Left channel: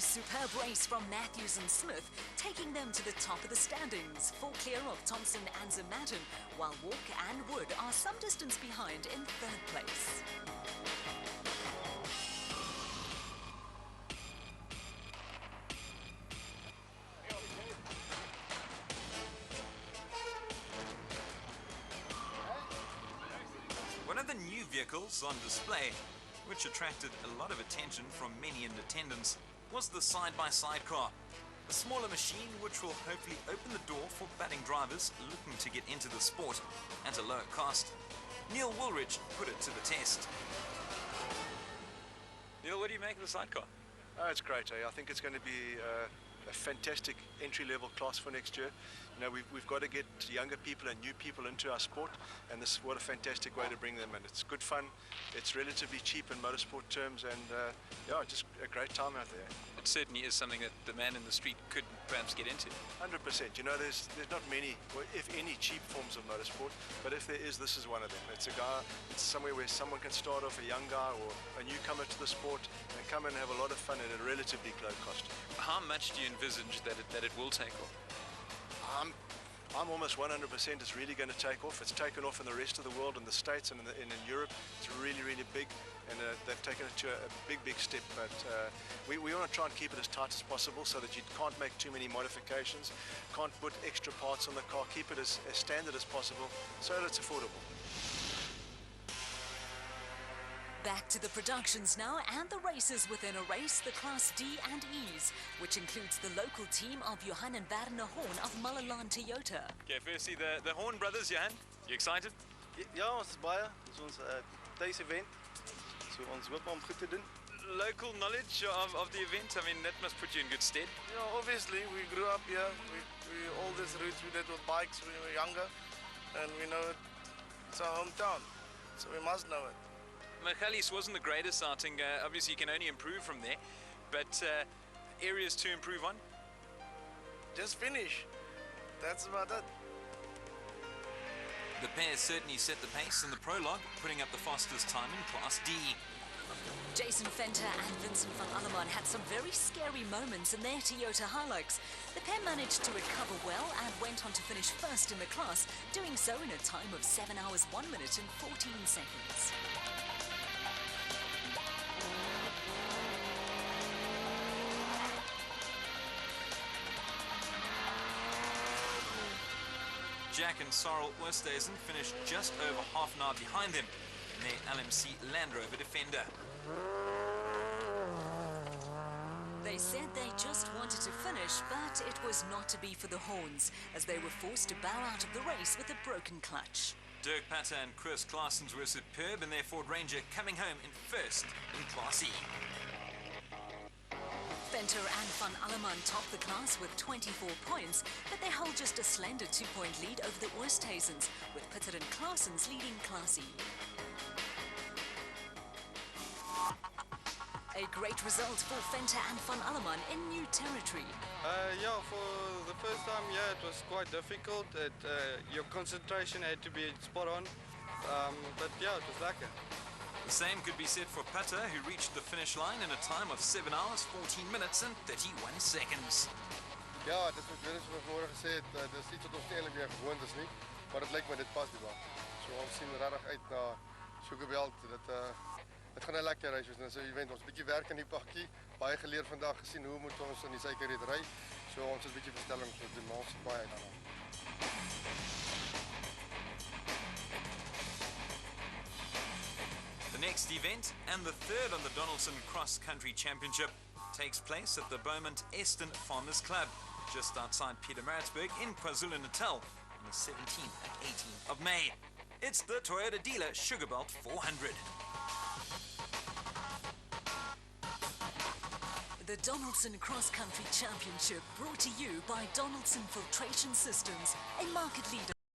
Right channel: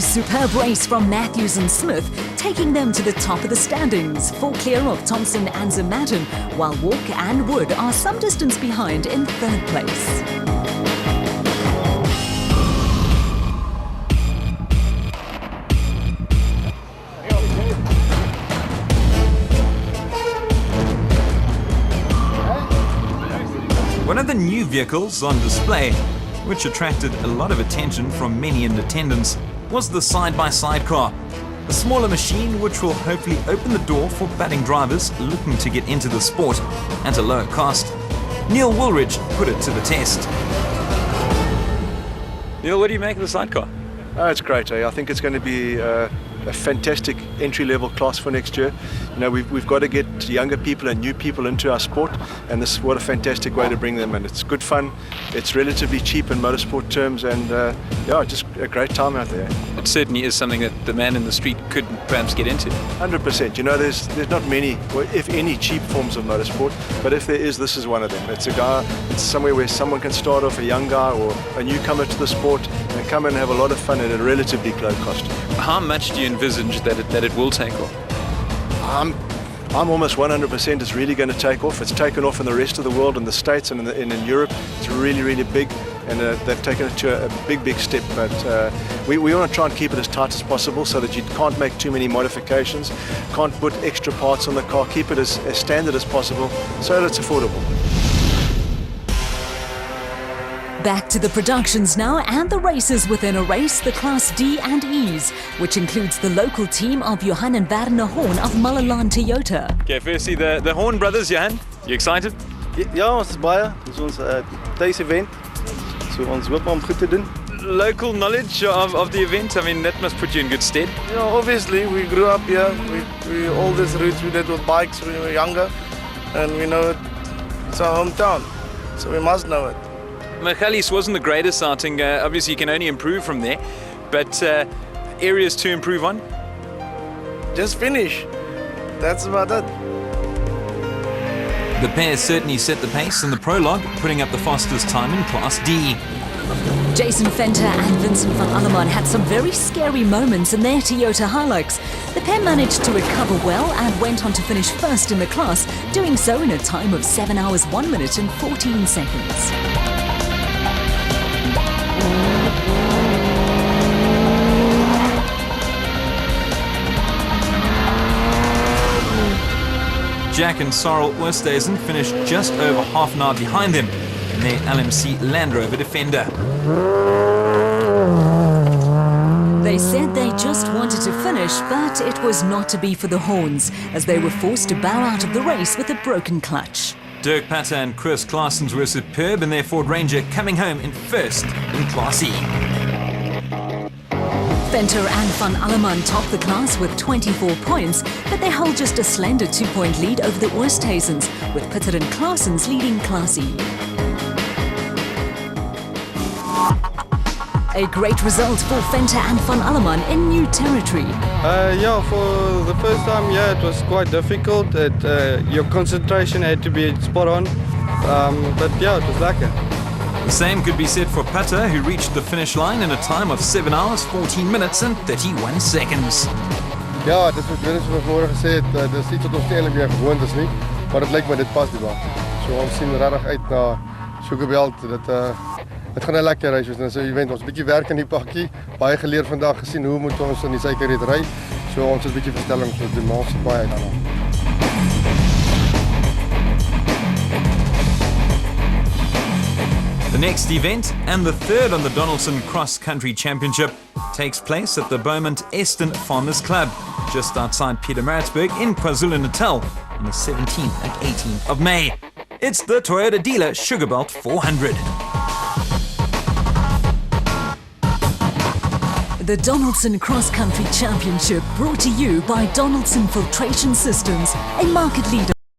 A superb race from Matthews and Smith, taking them to the top of the standings, 4 clear of Thompson and Zematin, while Walk and Wood are some distance behind in 3rd place. One of the new vehicles on display, which attracted a lot of attention from many in attendance, was the side-by-side car. A smaller machine which will hopefully open the door for budding drivers looking to get into the sport at a lower cost. Neil Woolridge put it to the test. Neil, what do you make of the sidecar? Oh, it's great. I think it's going to be a fantastic entry-level class for next year. You know, we've got to get younger people and new people into our sport, and what a fantastic way to bring them in. It's good fun, it's relatively cheap in motorsport terms, and yeah, just a great time out there. It certainly is something that the man in the street could perhaps get into. 100%. You know, there's not many, or if any, cheap forms of motorsport, but if there is, this is one of them. It's somewhere where someone can start off, a young guy or a newcomer to the sport, and come and have a lot of fun at a relatively low cost. How much do you envisage that it will take off? I'm almost 100% it's really going to take off. It's taken off in the rest of the world, in the States and in Europe. It's really, really big, and they've taken it to a big step. But we want to try and keep it as tight as possible so that you can't make too many modifications, can't put extra parts on the car, keep it as standard as possible so that it's affordable. Back to the productions now and the races within a race, the Class D and E's, which includes the local team of Johan and Werner Horn of Mullilan Toyota. Okay, firstly, the Horn brothers, Johan, you excited? Ja, ons is baie. Dit is ons thuis-event. So ons hoop om goed te doen. Local knowledge of the event, I mean, that must put you in good stead. Yeah, obviously, we grew up here. We all these routes we did with bikes when we were younger, and we know it's our hometown, so we must know it. Michaelis wasn't the greatest outing. Obviously, you can only improve from there, but areas to improve on? Just finish. That's about it. The pair certainly set the pace in the prologue, putting up the fastest time in Class D. Jason Venter and Vincent van Alleman had some very scary moments in their Toyota Hilux. The pair managed to recover well and went on to finish first in the class, doing so in a time of 7 hours, 1 minute and 14 seconds. Jack and Sorrel Oosthuizen finished just over half an hour behind them in their LMC Land Rover Defender. They said they just wanted to finish, but it was not to be for the Horns, as they were forced to bow out of the race with a broken clutch. Dirk Patter and Chris Claessens were superb in their Ford Ranger, coming home in first in Class E. Venter and van Alleman topped the class with 24 points, but they hold just a slender 2-point lead over the Oosthuizens, with Patter and Claessens leading Class E. A great result for Venter and van Alleman in new territory. Yeah, for the first time, yeah, it was quite difficult. Your concentration had to be spot on, but yeah, it was lekker. The same could be said for Patter, who reached the finish line in a time of 7 hours, 14 minutes and 31 seconds. Ja, dit is wat we vorige gesê het, dis iets wat ons nie eintlik meer gewoond is nie, maar dit lyk my dit pas die baan. So ons sien regtig uit na Sugarveld. Dit gaan 'n lekker reis wees. Dit is 'n event, ons 'n bietjie werk in die pakkie, baie geleer vandag, gesien hoe moet ons in die suikerriet ry. So ons is 'n bietjie verstelling vir die maal se baie daarna. The next event, and the third on the Donaldson Cross Country Championship, takes place at the Beaumont Eston Farmers Club, just outside Pietermaritzburg in KwaZulu-Natal, on the 17th and 18th of May. It's the Toyota dealer Sugarbelt 400. The Donaldson Cross Country Championship, brought to you by Donaldson Filtration Systems, a market leader.